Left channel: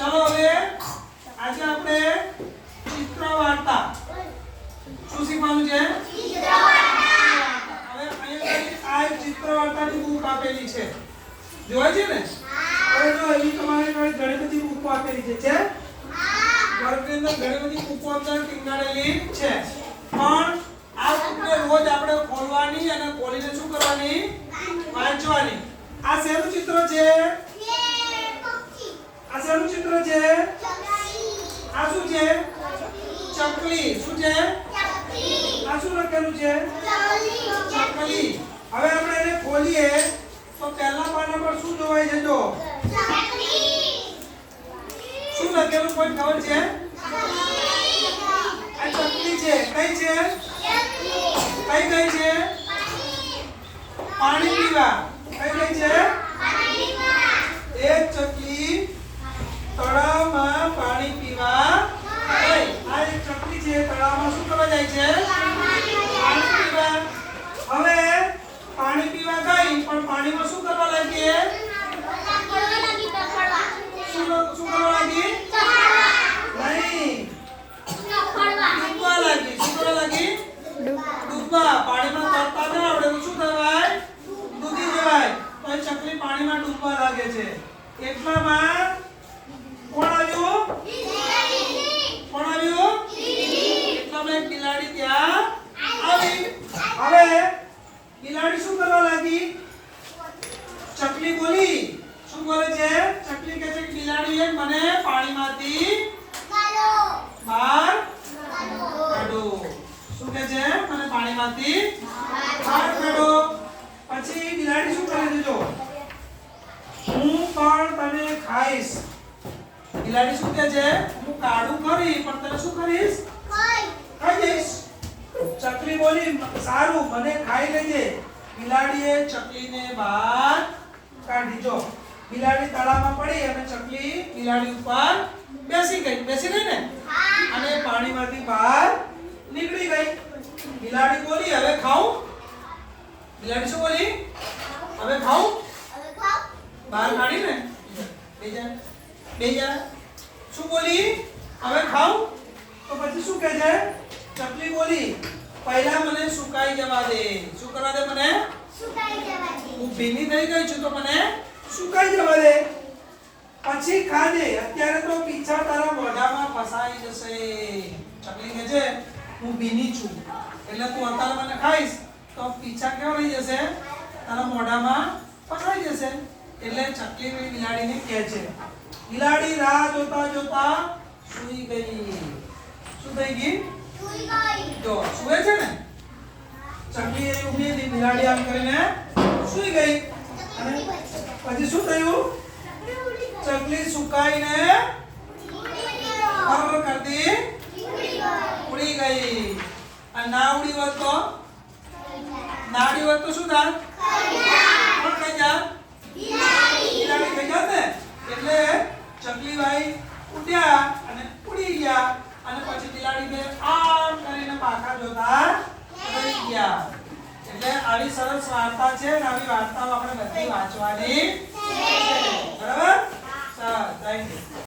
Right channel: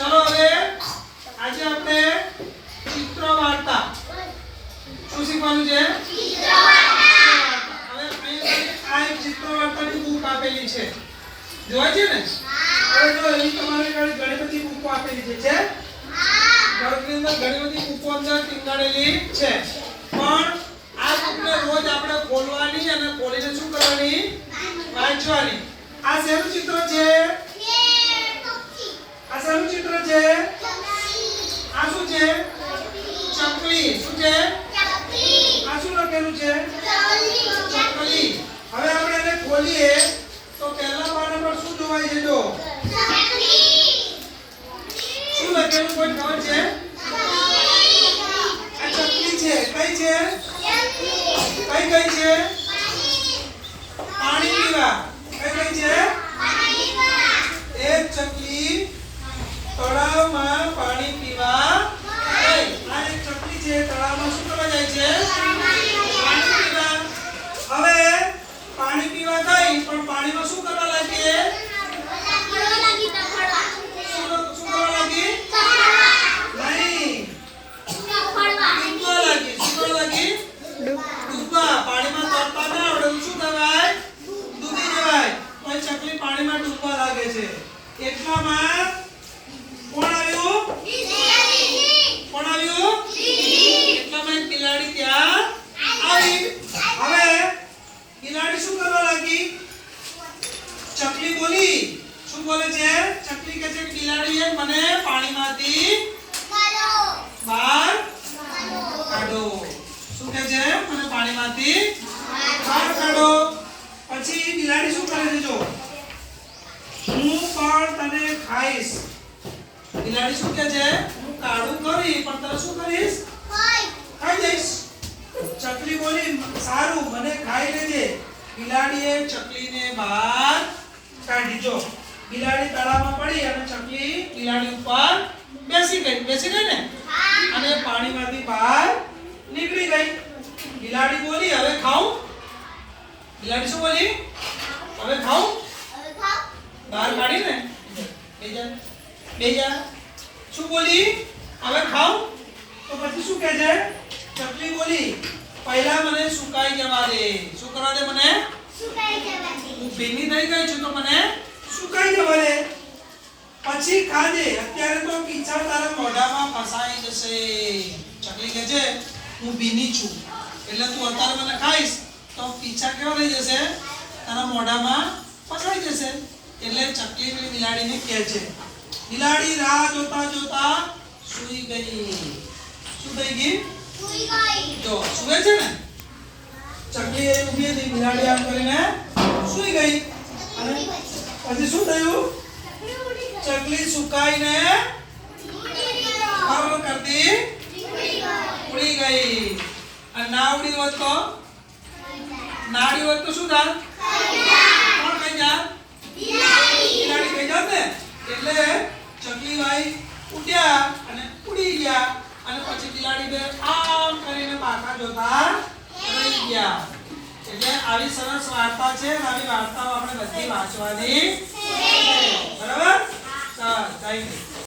ચલો હવે આજે આપણે ચિત્ર વાર્તા શું શીખવાનું છે? હવે અહીંયા આ એક ચિત્ર વાર્તાની બુક આપેલી છે. જોવાય છે ને? હવે જો તમારે ઘણી બધી બુકો આપેલી છે. છે? વર્ગની અંદર ઘણી બધી બુકો અંદર ટીંગાડેલી છે. પણ આ બુકને રોજ આપણે ખોલવાની અને ખોલીને શું કરવાની? વાંચવાની. આ શેનું ચિત્ર છે? ચિત્ર છે? આ શું છે? ચકલી. શું છે? આ શું લખેલું છે? ચકલી. હવે આપણે એને ખોલીએ. તો પહેલા પાના પર શું જોવાય છે જો શું લખેલું કોઈ ખબર છે આ ચકલી છે કઈ છે કઈ કઈ છે પાણી પીવા કઈ કઈ છે એક ચકલી તળાવમાં પાણી પીવા ગઈ. આ એક ચકલી છે તળાવમાં શું કરવા જાય છે પાણી પીવા હવે પાણી પીવા ગઈ પણ પાણીમાં શું કરવા લાગી એ? શું શું કરવા લાગી નહીં ડૂબવા લાગી શું કરવા લાગી ડૂબવા પાણીમાં તરતા ના આવડે તો શું થવાય ડૂબી જવાય તો એ ચકલી પાણીમાં ડૂબવા લાગે છે એટલામાં કોણ આવ્યું? કોણ આવ્યું? એટલામાં એક બિલાડી ત્યાં આવી. હવે બિલાડી શું કરવા લાગી? ચકલી બોલી. શું બોલે છે? ચકલી કહે છે કે બિલાડીએ મને પાણીમાંથી બહાર કાઢો. શું કહે છે? મને પાણીમાંથી બહાર કાઢો. પછી બિલાડી શું કરે છે જો? હું પણ તને ખાઈશ. બિલાડી શું કહે છે? હું કાળું કરી પણ તને શું કરીશ? ખાઈ. જઈશ. ચકલી બોલી સારું મને ખાઈ લેજે. બિલાડીએ ચકલીને બહાર કાઢી. જો બિલાડી તળાવમાં પડી અને ચકલી બિલાડી ઉપર બેસી ગઈ. બેસી ગઈ ને? અને પાણીમાંથી બહાર નીકળી ગઈ. બિલાડી બોલી હવે ખાઉં? બિલાડી શું બોલી હવે ખાઉં કાઢીને બેજા બેજા શું બોલી? હવે ખાઉં? તો પછી શું કહે છે? ચકલી બોલી પહેલા મને સુકાઈ જવા દે. શું કરવા દે મને? હું ભીની થઈ ગઈ છું તો મને? સુકાઈ જવા દે. પછી ખાજે અત્યારે તો પીછા તારા મોઢામાં ફસાઈ જશે. ચકલી કહે છે હું ભીની છું. એટલે તું અત્યારે મને ખાઈશ તો પીછા કેવા થઈ જશે? તારા મોઢામાં ફસાઈ એટલે ચકલી બિલાડીને કહે છે બિલાડી રાહ જોતા જોતા સૂઈ ગઈ. શું થઈ ગઈ. જો સુવે છે ને? ચકલી એ ઊભી હતી બિલાડી આમ કરીને સૂઈ ગઈ. અને પછી શું થયું? ચકલી સુકાઈને ફર કરતી ઉડી ગઈ. અને ના ઉડી હોત તો? ના ઉડી હોત તો શું થાત કોણ ખાઈ જાત બિલાડી ખાઈ જાત ને એટલે ચકલી ભાઈ ઉડ્યા અને ઉડી ગયા અને પછી આમ કરીને પાછા જોતા રહી ગયા. એટલે આવી સરસ વાર્તા છે અને આવી વાર્તાઓ આપણે બધી વાંચવાની. બરાબર? ચાલ થેન્ક યુ